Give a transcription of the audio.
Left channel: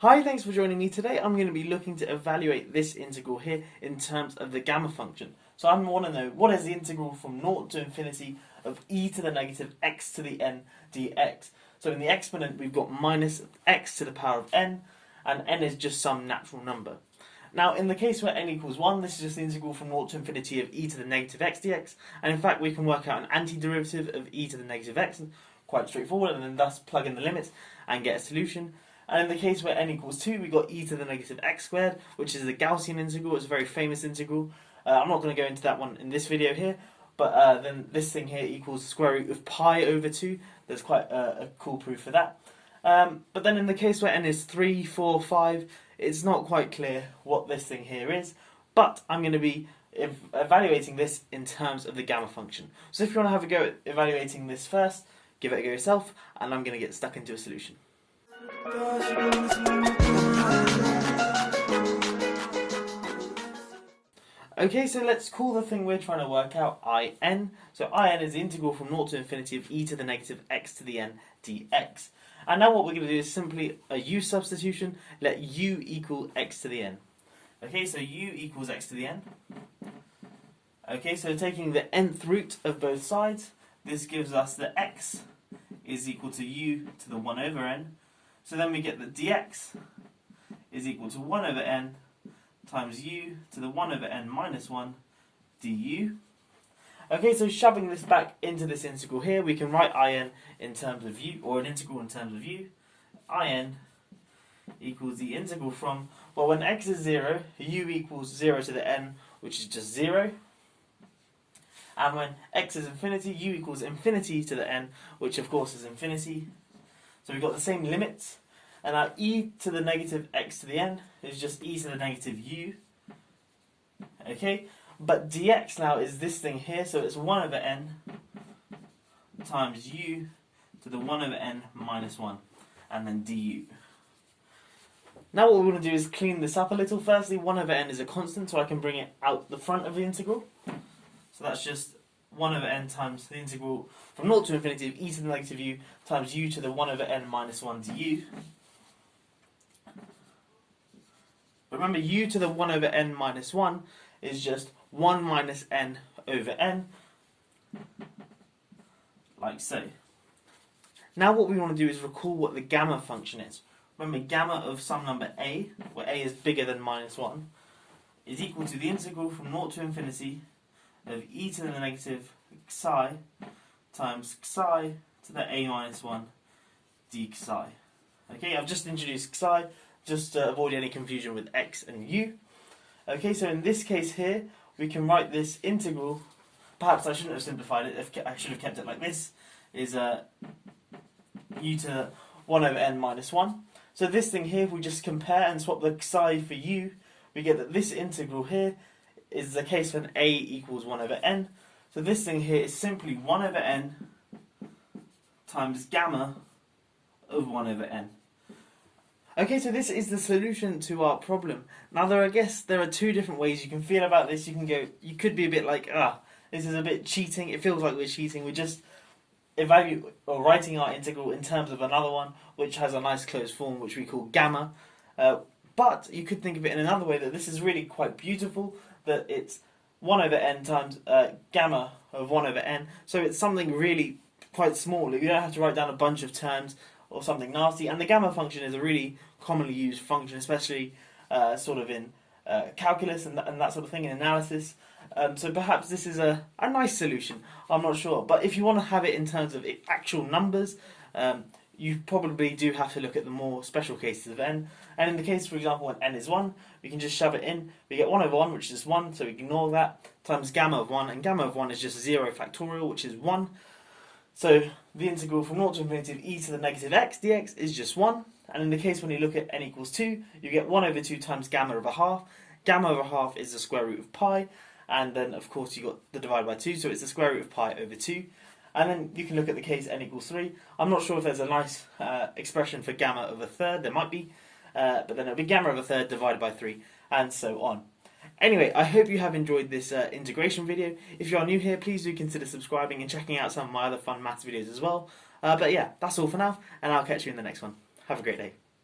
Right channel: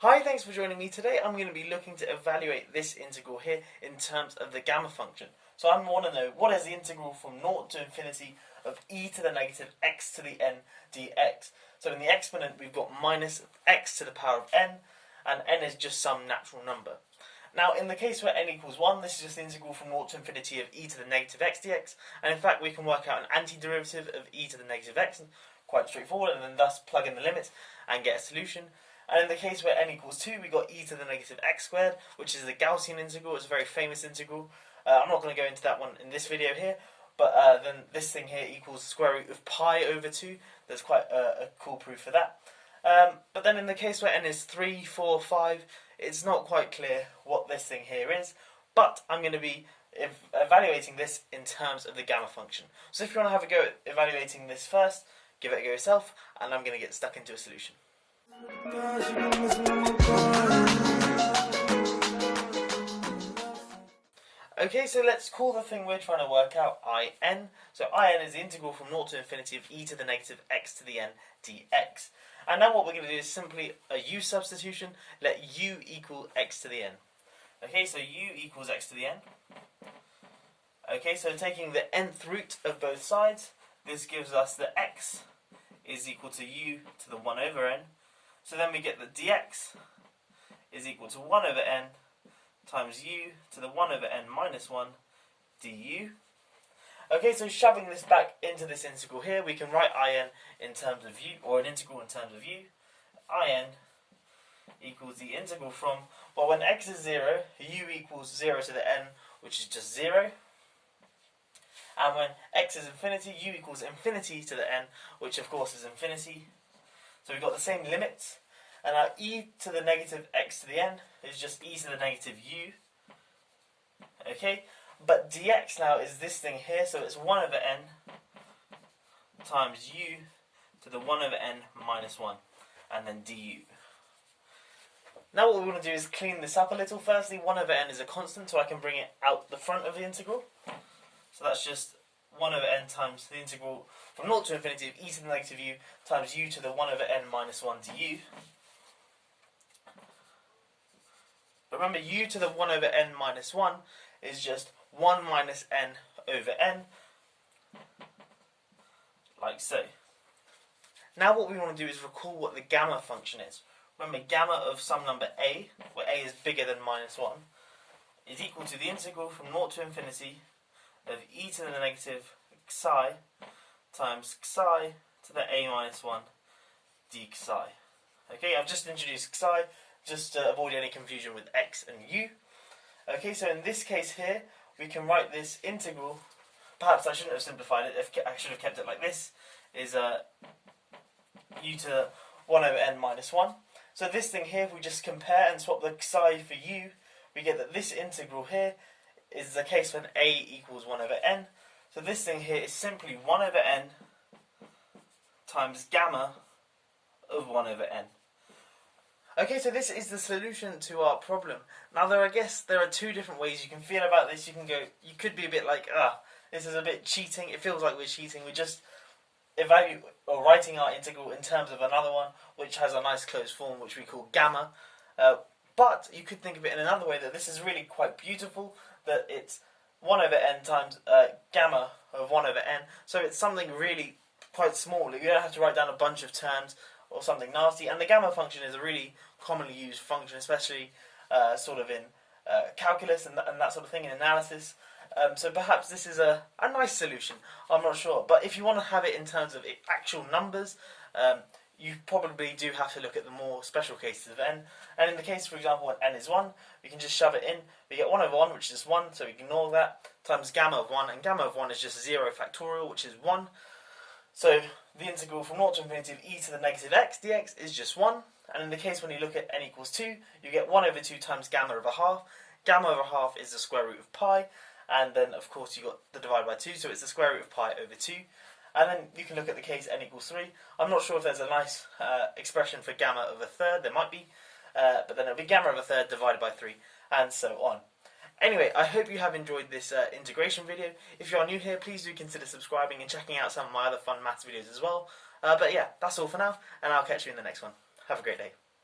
Hi, thanks for joining me today. I'm going to be looking to evaluate this integral here in terms of the gamma function. So I want to know what is the integral from 0 to infinity of e to the negative x to the n dx. So in the exponent we've got minus x to the power of n, and n is just some natural number. Now in the case where n equals 1, this is just the integral from 0 to infinity of e to the negative x dx, and in fact we can work out an antiderivative of e to the negative x, quite straightforward, and then thus plug in the limits and get a solution. And in the case where n equals 2, we got e to the negative x squared, which is a Gaussian integral. It's a very famous integral. I'm not going to go into that one in this video here, but then this thing here equals the square root of pi over 2. There's quite a cool proof for that. But then in the case where n is 3, 4, 5, it's not quite clear what this thing here is, but I'm going to be evaluating this in terms of the gamma function. So if you want to have a go at evaluating this first, give it a go yourself, and I'm going to get stuck into a solution. Okay, so let's call the thing we're trying to work out In. So In is the integral from 0 to infinity of e to the negative x to the n dx. And now what we're going to do is simply a u substitution, let u equal x to the n. Okay, so u equals x to the n. Okay, so taking the nth root of both sides, this gives us that x is equal to u to the 1 over n. So then we get that dx is equal to 1 over n times u to the 1 over n minus 1 du. Okay, so shoving this back into this integral here, we can write in terms of u, or an integral in terms of u. In equals the integral from, well, when x is 0, u equals 0 to the n, which is just 0. And when x is infinity, u equals infinity to the n, which of course is infinity. So we've got the same limits, and our e to the negative x to the n is just e to the negative u. Okay, but dx now is this thing here, so it's 1 over n times u to the 1 over n minus 1, and then du. Now what we want to do is clean this up a little. Firstly, 1 over n is a constant, so I can bring it out the front of the integral. So that's just 1 over n times the integral from 0 to infinity of e to the negative u times u to the 1 over n minus 1 du. But remember, u to the 1 over n minus 1 is just 1 minus n over n, like so. Now what we want to do is recall what the gamma function is. Remember, gamma of some number a, where a is bigger than minus 1, is equal to the integral from 0 to infinity of e to the negative xi times xi to the a minus 1 d xi. Okay, I've just introduced xi just to avoid any confusion with x and u. Okay, so in this case here, we can write this integral, perhaps I shouldn't have simplified it, I should have kept it like this, is u to the 1 over n minus 1. So this thing here, if we just compare and swap the xi for u, we get that this integral here is the case when a equals 1 over n. So this thing here is simply 1 over n times gamma of 1 over n. Okay, so this is the solution to our problem. Now I guess there are two different ways you can feel about this. You could be a bit like, this is a bit cheating. It feels like we're cheating. We're just writing our integral in terms of another one, which has a nice closed form, which we call gamma. But you could think of it in another way, that this is really quite beautiful, that it's 1 over n times gamma of 1 over n. So it's something really quite small. You don't have to write down a bunch of terms or something nasty. And the gamma function is a really commonly used function, especially sort of in calculus and that sort of thing, in analysis. So perhaps this is a nice solution. I'm not sure. But if you want to have it in terms of actual numbers, you probably do have to look at the more special cases of n. And in the case, for example, when n is 1, we can just shove it in. We get 1 over 1, which is 1, so we ignore that, times gamma of 1. And gamma of 1 is just 0 factorial, which is 1. So the integral from 0 to infinity of e to the negative x dx is just 1. And in the case when you look at n equals 2, you get 1 over 2 times gamma over half. Gamma over half is the square root of pi. And then, of course, you got the divided by 2, so it's the square root of pi over 2. And then you can look at the case n equals 3. I'm not sure if there's a nice expression for gamma of a third. There might be. But then it'll be gamma of a third divided by 3, and so on. Anyway, I hope you have enjoyed this integration video. If you are new here, please do consider subscribing and checking out some of my other fun maths videos as well. But yeah, that's all for now, and I'll catch you in the next one. Have a great day.